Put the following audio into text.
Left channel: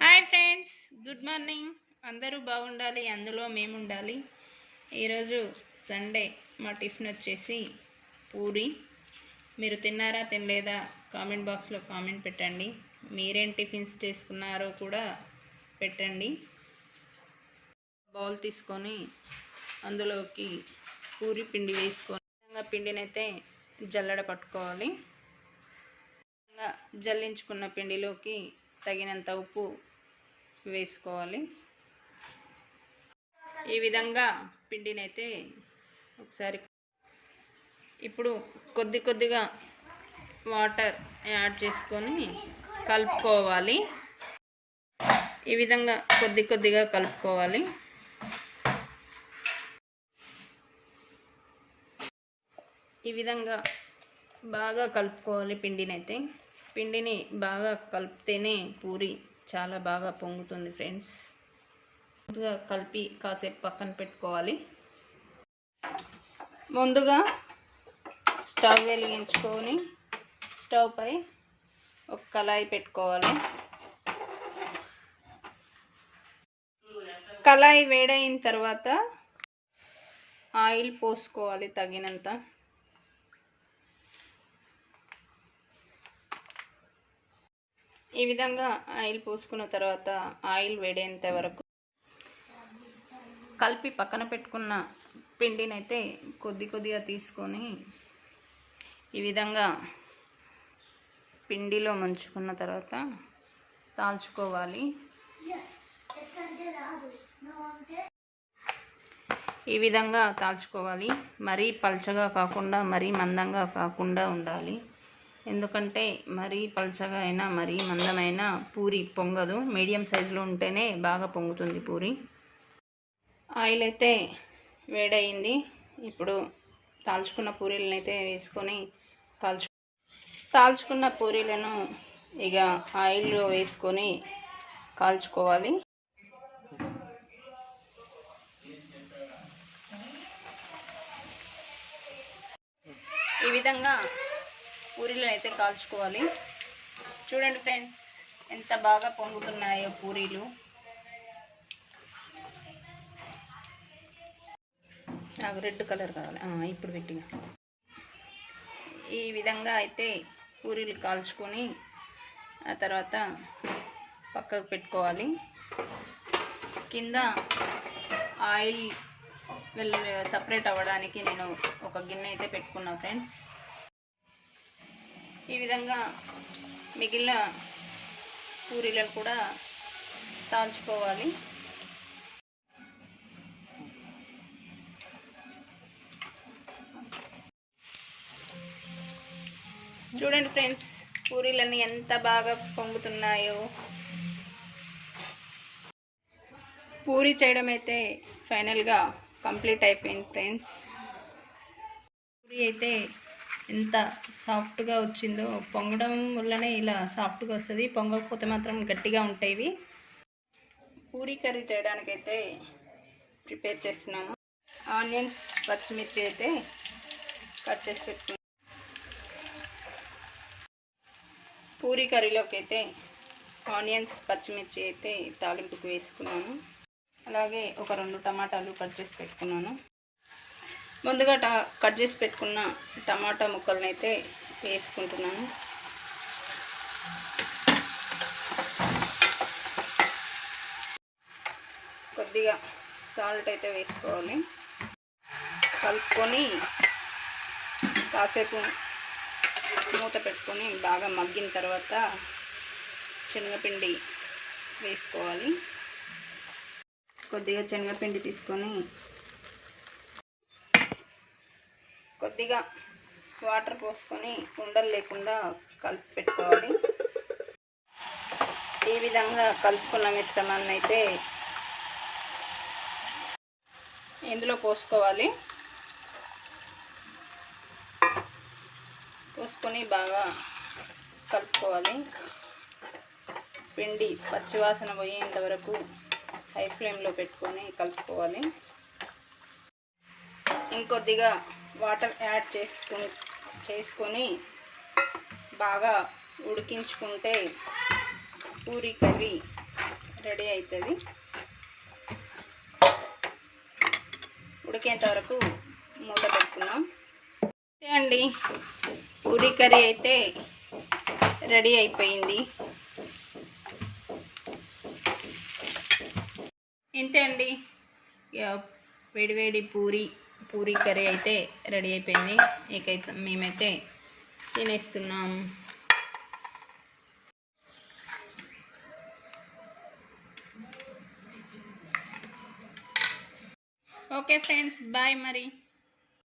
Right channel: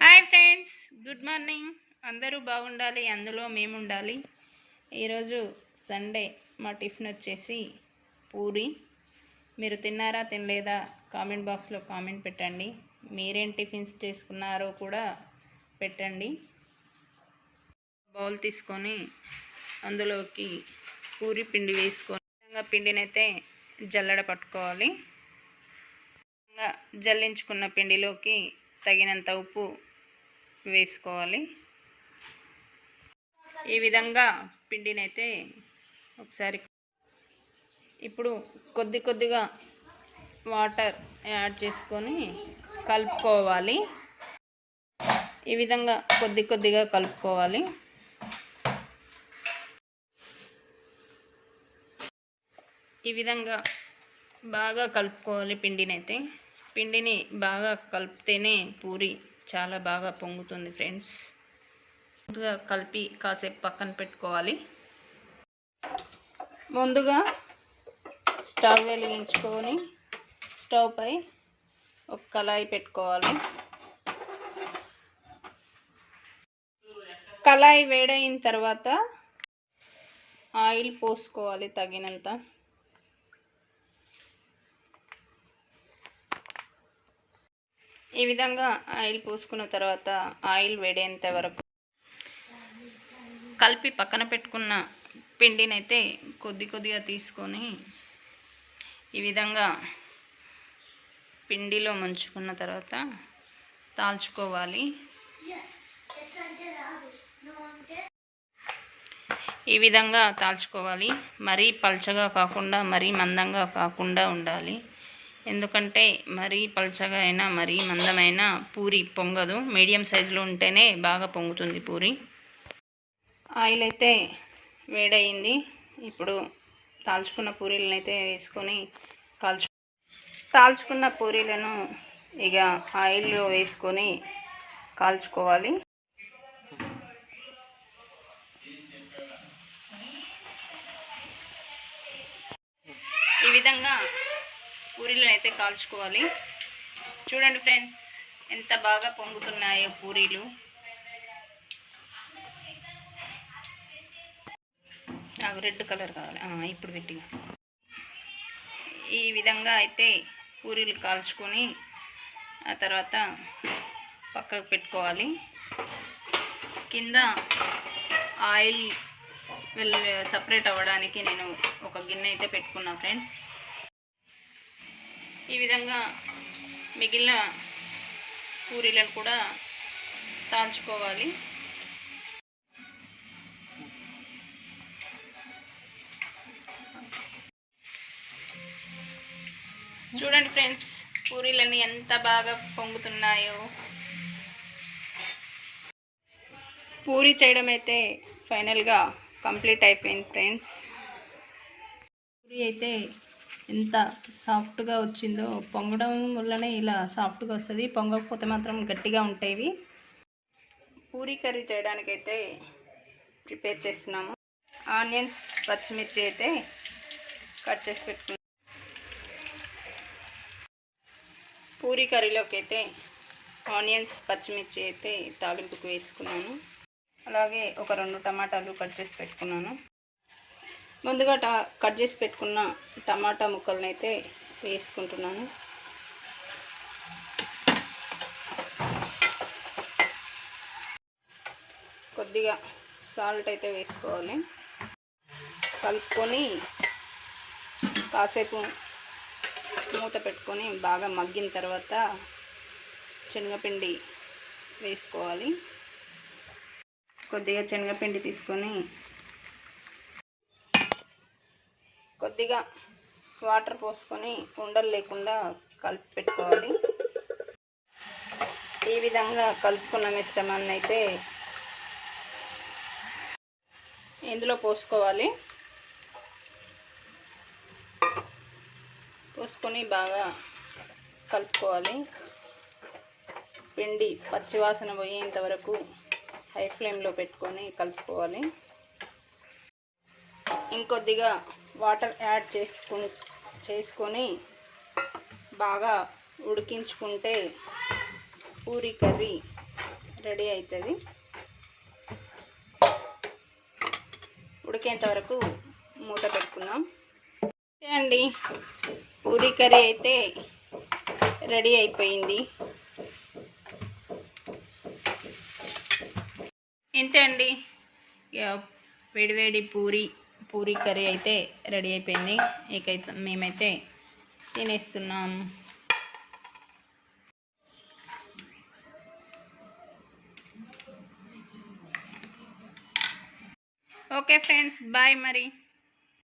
Hi friends good morning. అందరూ బాగుండాలి అందులో మేము ఉండాలి ఈరోజు సండే మా టిఫిన్ వచ్చేసి పూరి. మీరు తిన్నారా తినలేదా కామెంట్ బాక్స్లో కామెంట్ పెట్టండి. మీరేం టిఫిన్స్ చేసుకున్నారో కూడా పెట్టండి. బౌల్ తీసుకొని అందులోకి పూరి పిండి వేసుకొని పిండినైతే జల్లడ పట్టుకోవాలి. జల్లించుకున్న పిండిలోకి తగినంత ఉప్పు వేసుకోవాలి. ఈ విధంగా పిండినైతే ఒకసారి ఇప్పుడు కొద్ది కొద్దిగా వాటర్ యాడ్ చేసుకొని కలుపుకోవాలి. ఈ విధంగా కొద్ది కొద్దిగా కలుపుకోవాలి. ఈ విధంగా బాగా కలుపుకోవాలి పిండినైతే. పిండిని బాగా కలిపితేనే పూరి చాలా బాగా పొంగుతుంది ఫ్రెండ్స్. ముందుగా కలిపి కాసేపు పక్కన పెట్టుకోవాలి. ముందుగా స్టవ్ వెలిగించుకొని స్టవ్ పై ఒక కళాయి పెట్టుకోవాలి. కళాయి వేడైన తర్వాత ఆయిల్ పోసుకోవాలి తగినంత. ఈ విధంగా ఆయిల్ పోసుకున్న తర్వాత ఆయిల్ వేడేంత వరకు కలిపి పక్కన పెట్టుకున్న పిండినైతే కొద్ది కొద్దిగా తీసుకొని ఈ విధంగా పిండిలో ముంచుకున్న తర్వాత తాల్చుకోవాలి. ఈ విధంగా తాల్చుకోవాలి. మరీ పల్చగా కాకుండా మరీ మందంగా కాకుండా ఉండాలి. ఎందుకంటే మరీ పల్చగా అయినా మరీ మందమైన పూరి పొంగదు. మీడియం సైజులో ఉంటేనే బాగా పొంగుతుంది పూరి. ఆయిల్ అయితే వేడయింది. ఇప్పుడు తాల్చుకున్న పూరీలను అయితే వేసుకొని కాల్చు తాల్చుకున్న పూరీలను ఇక ఆయిల్లో వేసుకొని కాల్చుకోవాలి. ఈ విధంగా పూరీలను అయితే కాల్చుకోవాలి. చూడండి ఫ్రెండ్స్ ఎంత బాగా పొంగుతున్నాయో పూరీలు. నాకు రెడ్ కలర్ కావాలి. ఇప్పుడు గట్టిగా ఈ విధంగా అయితే పూరీలు కాల్చుకొని ఆ తర్వాత పక్కకు పెట్టుకోవాలి. కింద ఆయిల్ వెళ్ళ సపరేట్ అవ్వడానికి నేను ఒక గిన్నె అయితే పెట్టుకున్నా ఫ్రెండ్స్. ఈ విధంగా మిగిలిన పూరీలను కూడా తాల్చుకోవాలి. చూడండి ఫ్రెండ్స్ పూరీలన్నీ ఎంత బాగా పొంగుతున్నాయో. పూరి చేయడం అయితే ఫైనల్గా కంప్లీట్ అయిపోయింది ఫ్రెండ్స్. పూరి అయితే ఎంత సాఫ్ట్గా వచ్చిందో. పొంగడం వల్లనే ఇలా సాఫ్ట్గా వస్తుంది. పొంగకపోతే మాత్రం గట్టిగా ఉంటాయి పూరి కర్రీ చేయడానికైతే ప్రిపేర్ చేస్తున్నాము. ఆనియన్స్ పచ్చిమిర్చి అయితే కట్ చేసి పెట్టుకున్నాం. పూరి కర్రీలోకి అయితే ఆనియన్స్ పచ్చిమిర్చి అయితే తాలింపుకు వేసుకున్నాను. అలాగే ఒక రెండు టమాటాలు కట్ చేసి పెట్టుకున్నాను. ముందుగా ట కట్ చేసి పెట్టుకున్న టమాటా ముక్కలను అయితే వేసుకుంటున్నాను. కొద్దిగా సాల్ట్ అయితే వేసుకోవాలి. కలుపుకొని కాసేపు మూత పెట్టుకొని బాగా మగ్గిన తర్వాత శనగపిండి వేసుకోవాలి. కొద్దిగా శనగపిండి తీసుకొని కొద్దిగా వాటర్ పోసుకొని ఉండలు లేకుండా కలిపి పెట్టుకోవాలి. ఈ విధంగా కలుపుకున్న మిశ్రమాన్ని అయితే ఇందులో పోసుకోవాలి. పోసుకొని బాగా కలుపుకోవాలి. పిండి పచ్చివాసన పోయేంత వరకు హై ఫ్లేమ్లో పెట్టుకొని కలుపుకోవాలి. ఇంకొద్దిగా వాటర్ యాడ్ చేసుకు చేసుకొని బాగా ఉడికించుకుంటే పూరి కర్రీ రెడీ అవుతుంది ఉడికేంత వరకు మూత పెట్టుకుందాం. అండి. పూరి కర్రీ అయితే రెడీ అయిపోయింది. ఇంతే అండి. వేడివేడి పూరి పూరి కర్రీ అయితే రెడీ అయిపోయింది. ఇకైతే మేమైతే తినేస్తున్నాం. ఓకే ఫ్రెండ్స్ బాయ్ మరి.